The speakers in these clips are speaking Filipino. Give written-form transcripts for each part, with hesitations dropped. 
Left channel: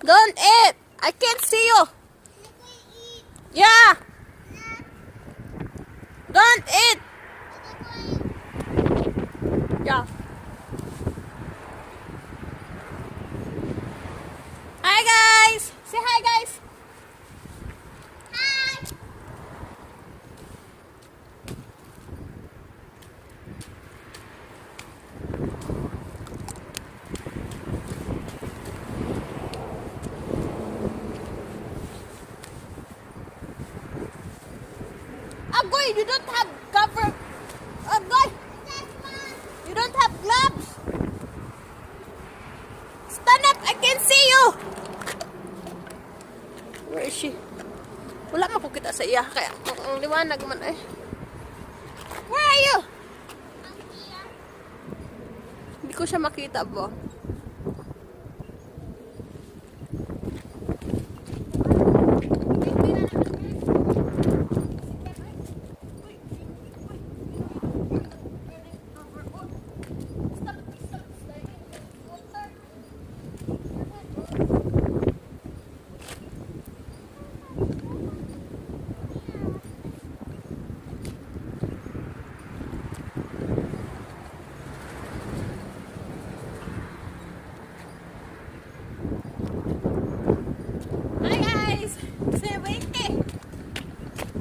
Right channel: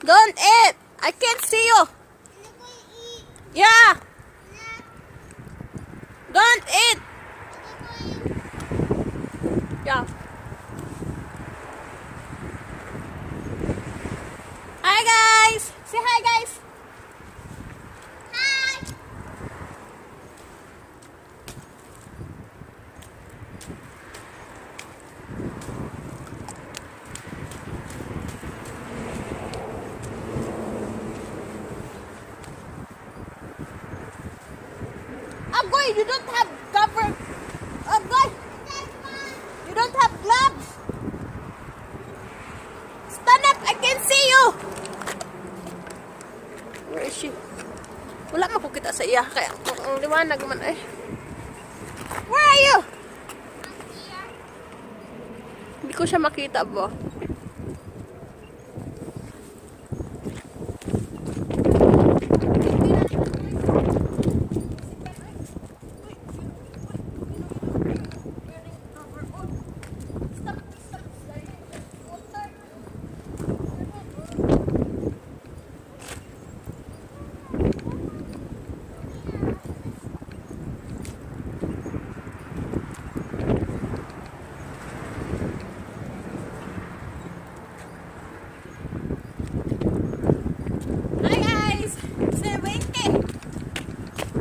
Don't eat. I can't see you. Yeah. Don't eat. Yeah. Hi guys. Say hi guys. Hi. Agoy, you don't have cover. Agoy, you don't have gloves. Stand up, I can see you. Where is she? Wala makukita sa iya. Kaya ang liwanag man eh. Where are you? Hindi ko siya makita ba?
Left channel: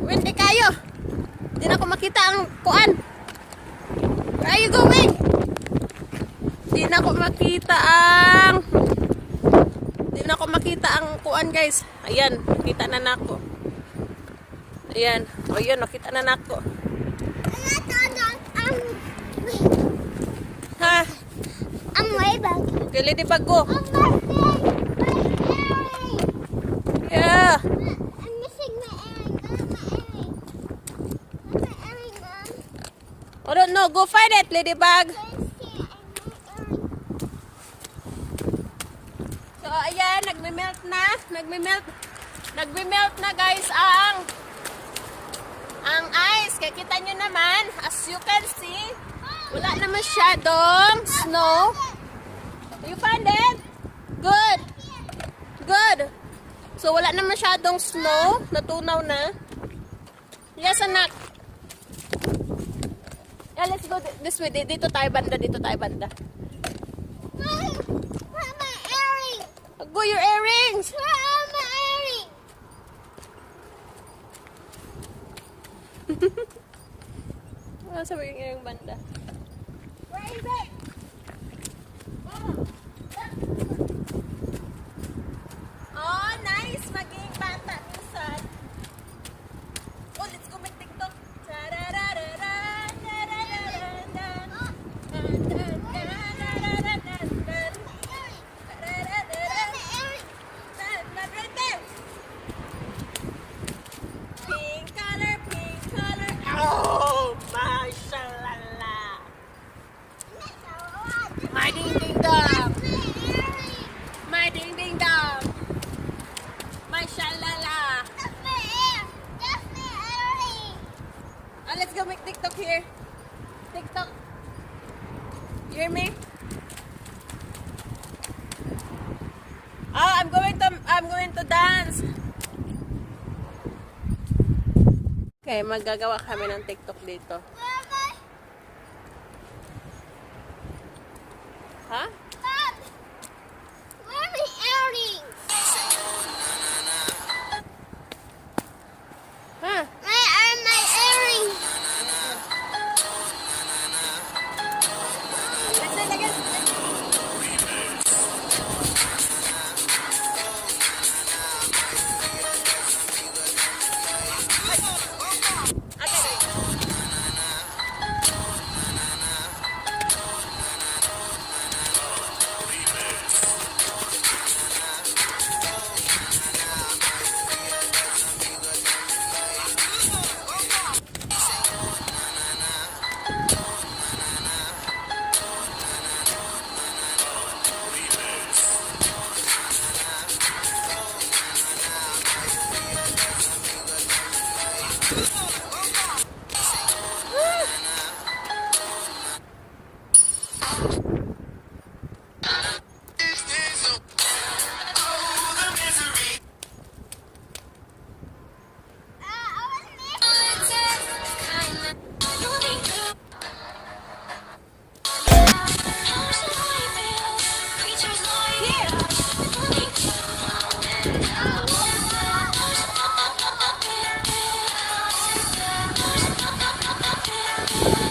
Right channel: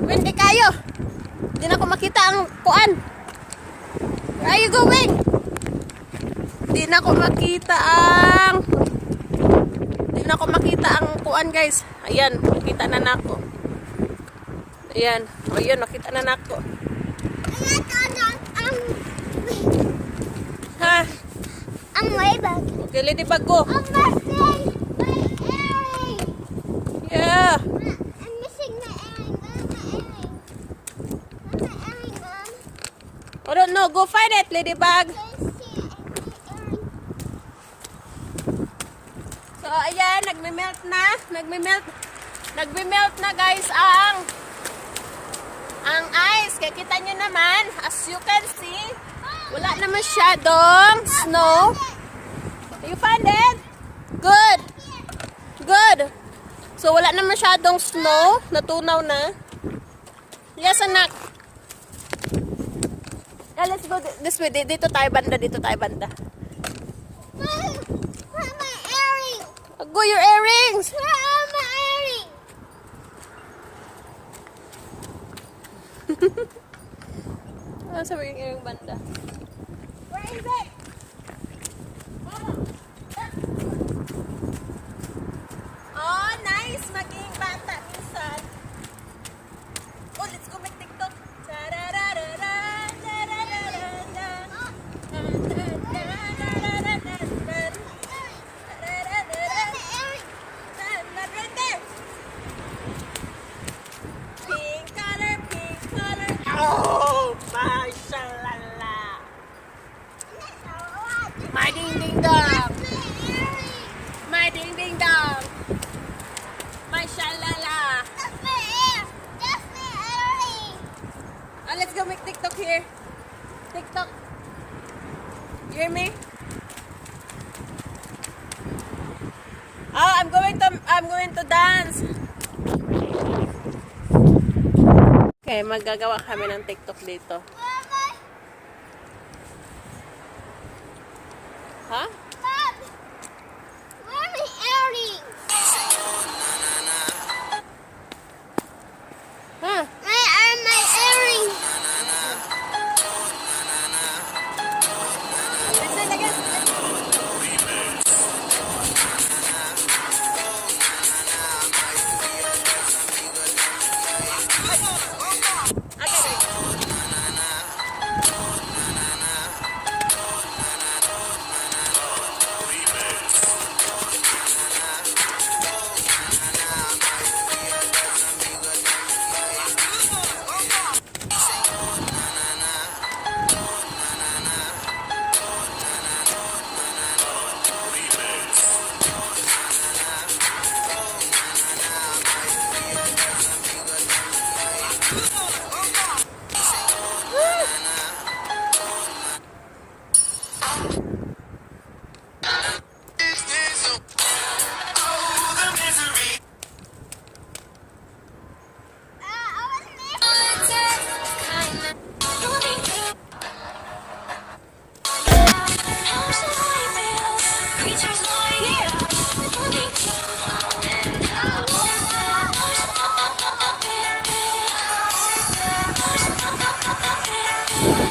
Windy kayo. Hindi na ako makita ang kuan. Where are you going? Hindi na ako makita ang kuan guys. Ayan, nakita na nako. Ayan, ayun, nakita na nako. Ha? Ang way bag. Okay, lady bag ko. Yeah. I don't know. Go find it, ladybug. So, ayan. Nagme-melt na. Nagme-melt na, guys, ang ice. Kaya kita nyo naman, as you can see, wala na masyadong snow. You find it? Good. Good. So, wala na masyadong snow. Natunaw na. Yes, anak. Let's go this way. Dito tayo banda. Where are my earrings? Go your earrings. Where are my earrings? Ano sabi yung earring banda? Where is it? Oh, nice. Maging bata minsan. Oh, let's go make TikTok. Pink color. Oh, mashallah. My ding ding dong. My ding ding dong. Mashallah. Oh, let's go make TikTok here. TikTok. You hear me? Oh, I'm going to dance. Okay, magagawa kami ng TikTok dito. Ha? Bob, where are my earrings? Huh? Where are my earrings? Listen again.